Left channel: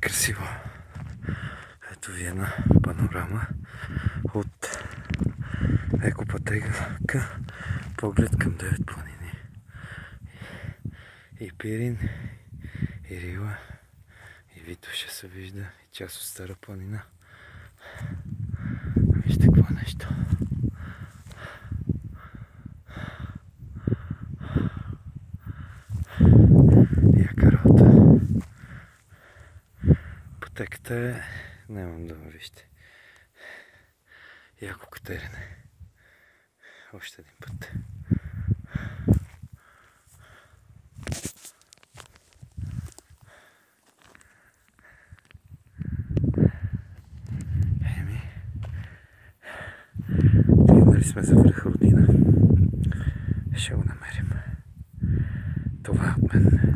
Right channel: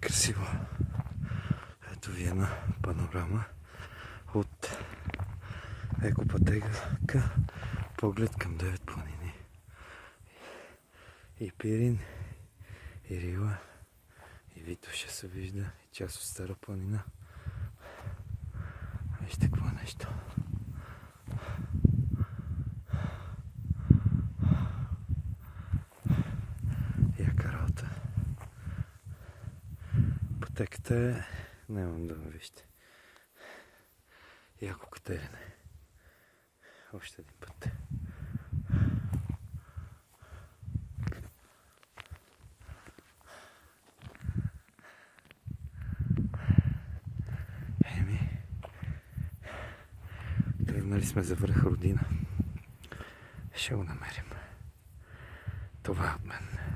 Красиво. Ето ви една панорама от екопътека, поглед към 9 планини. И Пирин, и Рила, и Витоша се вижда, и част от Стара планина. Вижте какво нещо. Яка работа. Пътеката е... Нямам дума, вижте. Яко катерене. Още един път. Тръгнали сме за връх Родина. Ще го намерим. Това е от мен.